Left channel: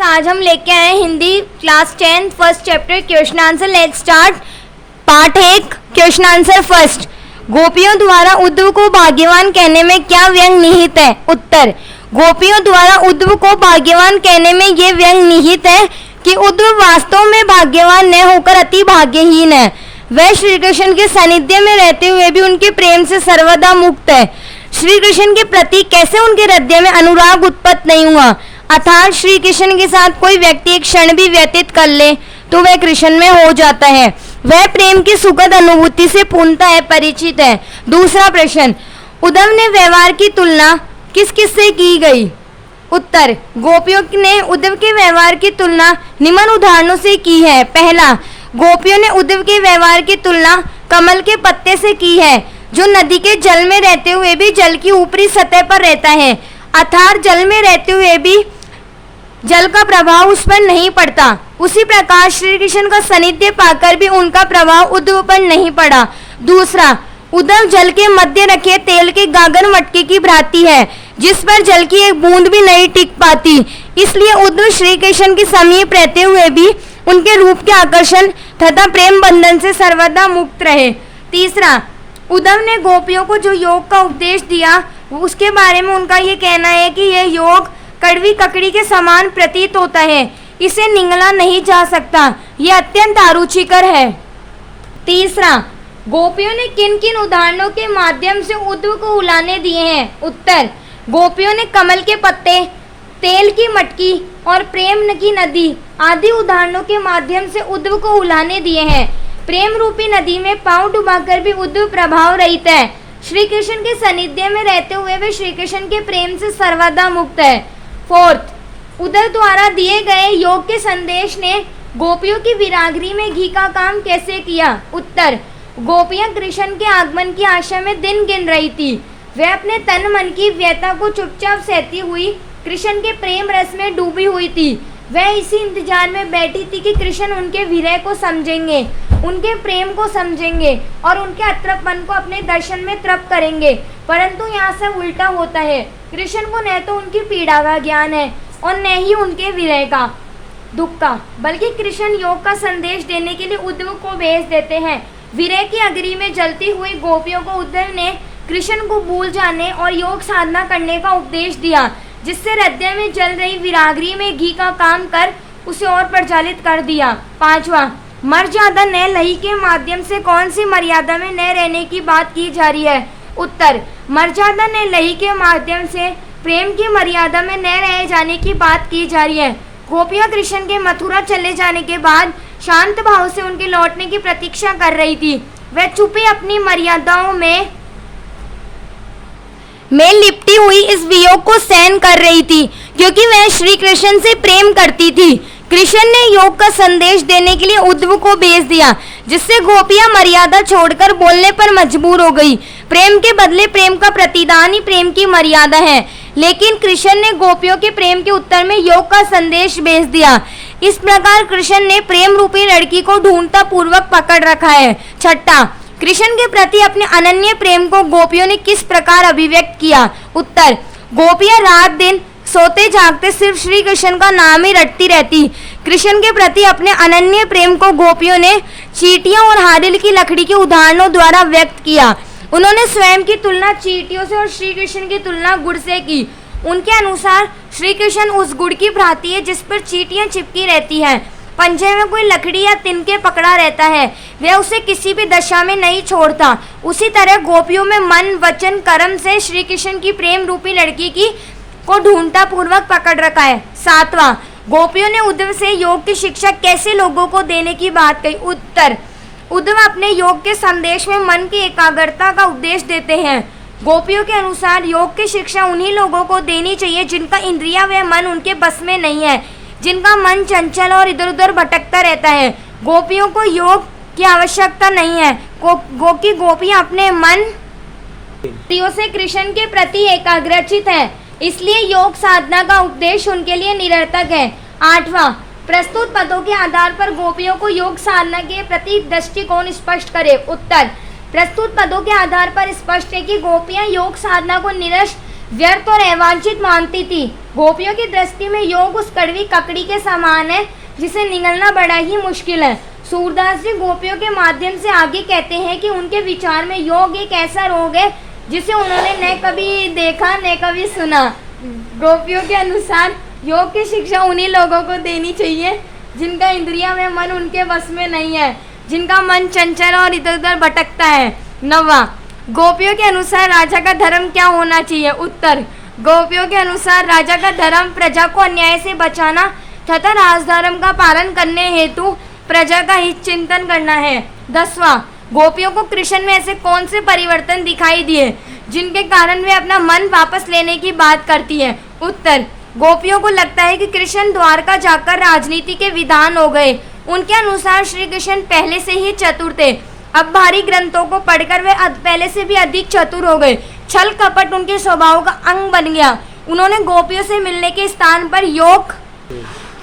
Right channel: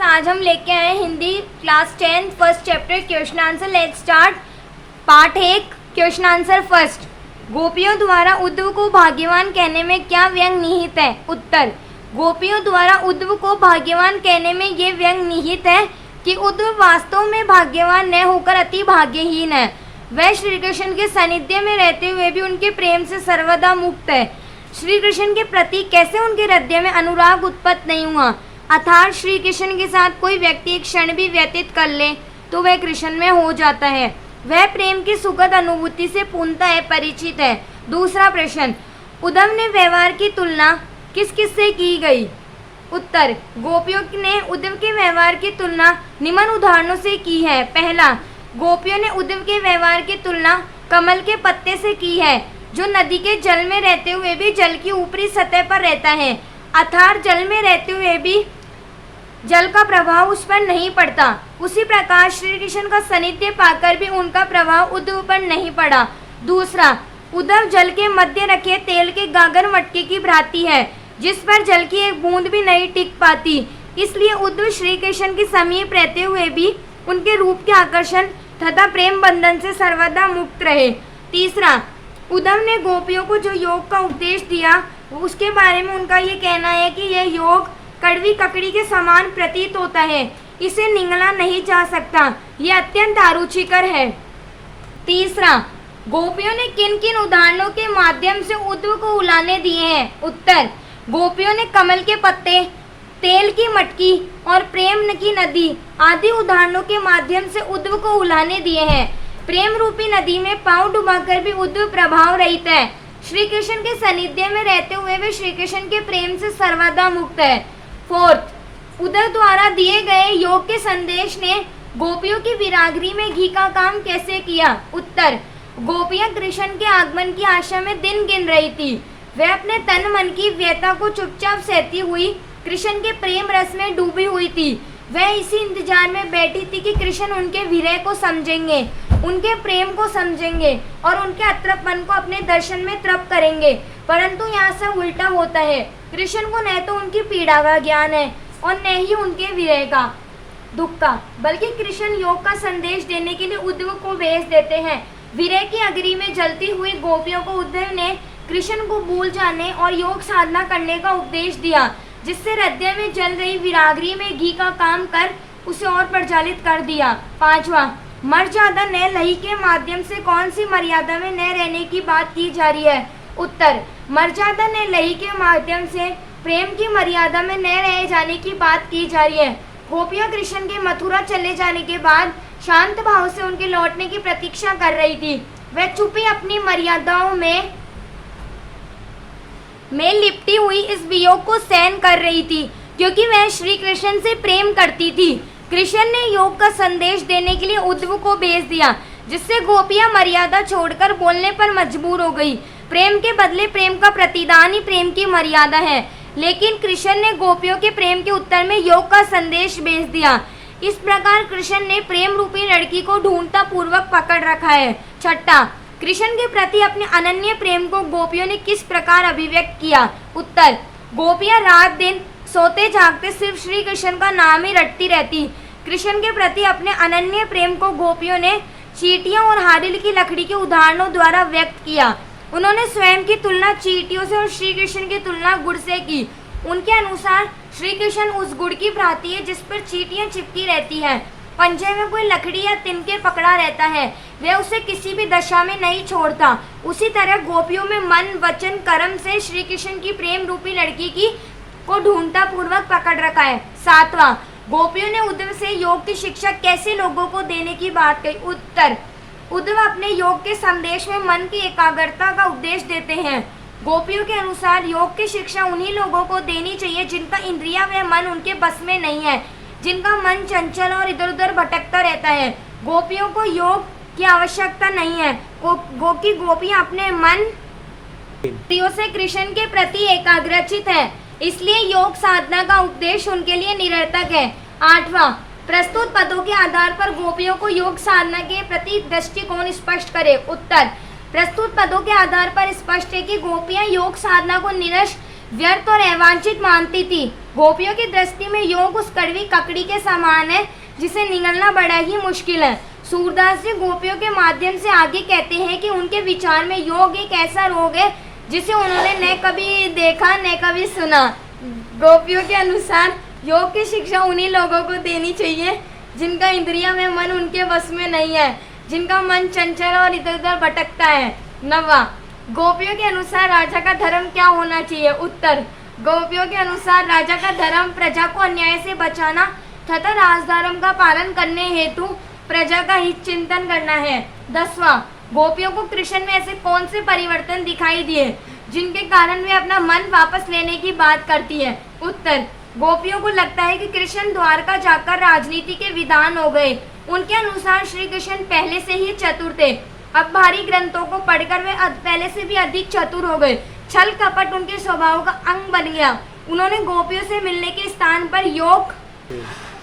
आज हम लेके आए Hindi class 10 first chapter question answer. Let's start. Part 1 question answer first. गोपियों द्वारा उद्धव को भाग्यवान कहने में क्या व्यंग निहित है? उत्तर। गोपियों द्वारा उद्धव को भाग्यवान कहने में ये व्यंग निहित है कि उद्धव वास्तव में भाग्यवान न होकर अति भाग्यहीन है। वह श्री कृष्ण के सानिध्य में रहते हुए भी उनके प्रेम से सर्वदा मुक्त है। श्री कृष्ण के प्रति कैसे उनके हृदय में अनुराग उत्पन्न नहीं हुआ? अर्थात श्री कृष्ण के साथ कोई व्यक्ति एक क्षण भी व्यतीत कर ले तो वह कृष्ण में हो जाता है। वह प्रेम की सुखद अनुभूति से पूर्णतः परिचित है। दूसरा प्रश्न, उद्धव ने व्यवहार की तुलना किस किस से की गई? उत्तर। गोपियों ने उद्धव के व्यवहार की तुलना निम्न उदाहरणों से की है। पहला, गोपियों ने उद्धव के व्यवहार की तुलना कमल के पत्ते से की है, जो नदी के जल में रहते हुए भी जल की ऊपरी सतह पर रहता है, अर्थात जल में रहते हुए भी जल का प्रभाव उस पर नहीं पड़ता। उसी प्रकार श्री कृष्ण का सानिध्य पाकर भी उनका प्रभाव उद्धव पर नहीं पड़ा। दूसरा, उद्धव जल के मध्य रखे तेल के गागर मटके की भांति है, जिस पर जल की एक बूंद भी नहीं टिक पाती। इसलिए उद्धव श्री कृष्ण के समीप रहते हुए भी उनके रूप के आकर्षण तथा प्रेम बंधन से सर्वदा मुक्त रहे। तीसरा, उद्धव ने गोपियों को जो योग का उपदेश दिया उसके बारे में उनका ये कहना है कि यह योग कड़वी ककड़ी के समान प्रतीत होता है, इसे निगला नहीं जा सकता, यह अत्यंत आरुचिकर है। तीसरा, गोपियों ने किन किन उदाहरणों के माध्यम से उद्धव को उलाने दिए हैं? उत्तर। गोपियों ने कमल के पत्ते, तेल की मटकी और प्रेम की नदी आदि उदाहरणों के माध्यम से उद्धव को उलाने दिए हैं। प्रेम रूपी नदी में पांव डुबाकर भी उद्धव प्रभाव रहित है। श्री कृष्ण के सानिध्य में रहते हुए वे श्री कृष्ण के प्रेम से सर्वदा मुक्त है। फोर्थ, उद्धव द्वारा दिए गए योग के संदेश ने गोपियों की विरागरी में घी का काम कैसे किया? उत्तर। गोपियां कृष्ण के आगमन की आशा में दिन गिन रही थी। वह अपने तन मन की व्यथा को चुपचाप सहती हुई कृष्ण के प्रेम रस में डूबी हुई थी। वह इसी इंतजार में बैठी थी कि कृष्ण उनके विरह को समझेंगे, उनके प्रेम को समझेंगे और उनके अतृप्तपन को अपने दर्शन में तृप्त करेंगे। परंतु यहाँ से उल्टा होता है। कृष्ण को न तो उनकी पीड़ा का ज्ञान है और न ही उनके विरह का, दुख का, बल्कि कृष्ण योग का संदेश देने के लिए उद्धव को भेज देते हैं। विरह की अग्नि में जलती हुई गोपियों को उद्धव ने कृष्ण को भूल जाने और योग साधना करने का उपदेश दिया, जिससे हृदय में जल रही विरागरी में घी का काम कर उसे और प्रज्वलित कर दिया। पांचवा, मर्यादा न लही के माध्यम से कौन सी मर्यादा में न रहने की बात की जा रही है? उत्तर। मर्यादा न लही के माध्यम से प्रेम की मर्यादा में न रह जाने की बात की जा रही है। गोपियां कृष्ण के मथुरा चले जाने के बाद शांत भाव से उनके लौटने की प्रतीक्षा कर रही थी। वह चुपे अपनी मर्यादाओं में लिपटी हुई इस वियोग को सहन कर रही थी, क्योंकि वह श्री कृष्ण से प्रेम करती थी। कृष्ण ने योग का संदेश देने के लिए उद्धव को भेज दिया, जिससे गोपियां मर्यादा छोड़कर बोलने पर मजबूर हो गई। प्रेम के बदले प्रेम का प्रतिदान ही प्रेम की मर्यादा है, लेकिन कृष्ण ने गोपियों के प्रेम के उत्तर में योग का संदेश भेज दिया। इस प्रकार कृष्ण ने प्रेम रूपी लड़की को ढूंढता पूर्वक पकड़ रखा है। छठा, कृष्ण के प्रति अपने अनन्य प्रेम को गोपियों ने किस प्रकार अभिव्यक्त किया? उत्तर। गोपियां रात दिन सोते जागते सिर्फ श्री कृष्ण का नाम ही रटती रहती। कृष्ण के प्रति अपने अनन्य प्रेम को गोपियों ने चींटियों और हारिल की लकड़ी के उदाहरणों द्वारा व्यक्त किया। उन्होंने स्वयं की तुलना चींटियों से और श्री कृष्ण की तुलना गुड़ से की। उनके अनुसार श्री कृष्ण उस गुड़ की भांति है जिस पर चींटियां चिपकी रहती हैं। पंजे में कोई लकड़ी या तिनके पकड़ा रहता है, वह उसे किसी भी दशा में नहीं छोड़ता। उसी तरह गोपियों में मन, वचन, कर्म से श्री कृष्ण की प्रेम रूपी लड़की की को ढूंढता पूर्वक पकड़ रखा है। सातवां, गोपियों ने उद्धव से योग की शिक्षा कैसे लोगों को देने की बात कही? उत्तर। उद्धव अपने योग के संदेश में मन की एकाग्रता का उपदेश देते हैं। गोपियों के अनुसार योग की शिक्षा उन्हीं लोगों को देनी चाहिए जिनका इंद्रिया व मन उनके बस में नहीं है, जिनका मन चंचल और इधर उधर भटकता रहता है। गोपियों को योग की आवश्यकता नहीं है, गोपियां अपने मन प्रियों से कृष्ण के प्रति एकाग्रचित है, इसलिए योग साधना का उपदेश उनके लिए निरर्थक है। आठवां, प्रस्तुत पदों के आधार पर गोपियों को योग साधना के प्रति दृष्टिकोण स्पष्ट करे। उत्तर। प्रस्तुत पदों के आधार पर स्पष्ट है कि गोपियां योग साधना को निरस्त व्यर्थ और अवांछित मानती थी। गोपियों की दृष्टि में योग उस कड़वी ककड़ी के समान है जिसे निगलना बड़ा ही मुश्किल है। सूरदास जी गोपियों के माध्यम से आगे कहते हैं कि उनके विचार में योग एक ऐसा रोग है जिसे उन्होंने न कभी देखा न कभी सुना। गोपियों के अनुसार योग की शिक्षा उन्हीं लोगों को देनी चाहिए जिनका इंद्रिया में मन उनके वश में नहीं है, जिनका मन चंचल और इधर उधर भटकता है। 9वां, गोपियों के अनुसार राजा का धर्म क्या होना चाहिए? उत्तर, गोपियों के अनुसार राजा का धर्म प्रजा को अन्याय से बचाना तथा राजधर्म का पालन करने हेतु प्रजा का हित चिंतन करना है। 10वां, गोपियों को कृष्ण में ऐसे कौन से परिवर्तन दिखाई दिए जिनके कारण वे अपना मन वापस लेने की बात करती है? उत्तर, गोपियों को लगता है कि कृष्ण द्वारका जाकर राजनीति के विधान हो गए। उनके अनुसार श्री कृष्ण पहले से ही चतुर थे, अब भारी ग्रंथों को पढ़कर वे पहले से भी अधिक चतुर हो गए। छल कपट उनके स्वभाव का अंग बन गया। उन्होंने गोपियों से मिलने के स्थान पर योग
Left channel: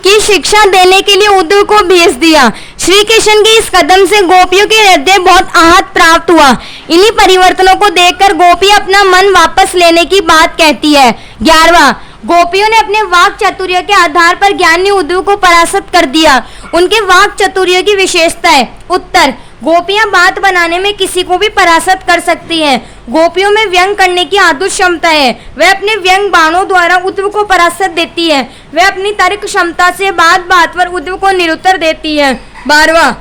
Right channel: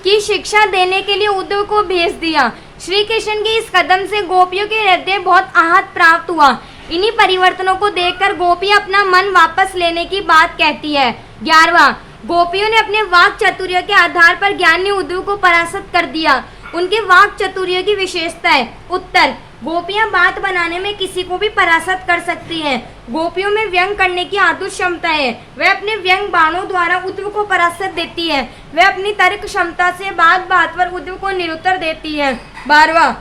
की शिक्षा देने के लिए उद्धव को भेज दिया। श्री कृष्ण के इस कदम से गोपियों के हृदय बहुत आहत प्राप्त हुआ। इन्हीं परिवर्तनों को देखकर गोपी अपना मन वापस लेने की बात कहती है। 11वां, गोपियों ने अपने वाक चातुर्य के आधार पर ज्ञानी उद्धव को परास्त कर दिया। उनके वाक चातुर्य की विशेषता है। उत्तर, गोपियां बात बनाने में किसी को भी परास्त कर सकती हैं। गोपियों में व्यंग करने की अद्भुत क्षमता है। वह अपने व्यंग बाणों द्वारा उद्धव को परास्त देती है। वह अपनी तर्क क्षमता से बात बात पर उद्धव को निरुत्तर देती है। 12वां,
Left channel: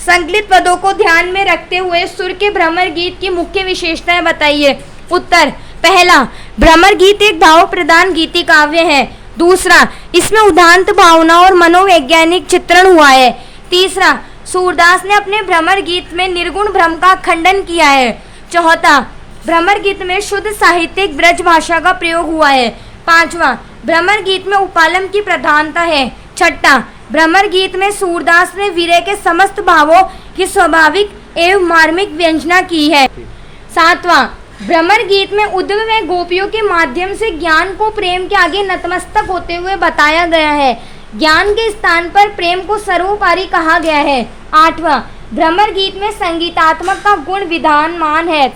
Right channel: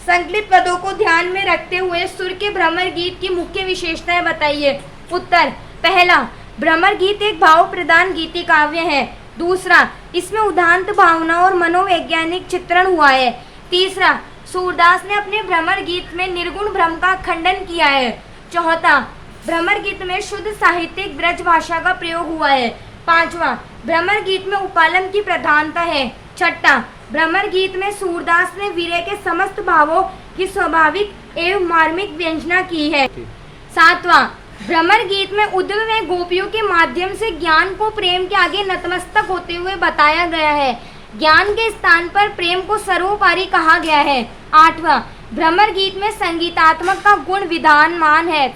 संकलित पदों को ध्यान में रखते हुए सुर के भ्रमर गीत की मुख्य विशेषताएं बताइए। उत्तर, पहला, भ्रमर गीत एक भाव प्रधान गीति काव्य है। दूसरा, इसमें उदांत भावना और मनोवैज्ञानिक चित्रण हुआ है। तीसरा, सूरदास ने अपने भ्रमर गीत में निर्गुण भ्रम का खंडन किया है। चौथा, भ्रमर गीत में शुद्ध साहित्यिक ब्रज भाषा का प्रयोग हुआ है। 5वां, भ्रमर गीत में उपालम की प्रधानता है। 6ठा, भ्रमर गीत में सूरदास ने वीर्य के समस्त भावों की स्वाभाविक एवं मार्मिक व्यंजना की है। 7वां, भ्रमर गीत में उद्धव व गोपियों के माध्यम से ज्ञान को प्रेम के आगे नतमस्तक होते हुए बताया गया है। ज्ञान के स्थान पर प्रेम को सर्वोपरि कहा गया है। 8वां, भ्रमर गीत में संगीतात्मक का गुण विधानमान है।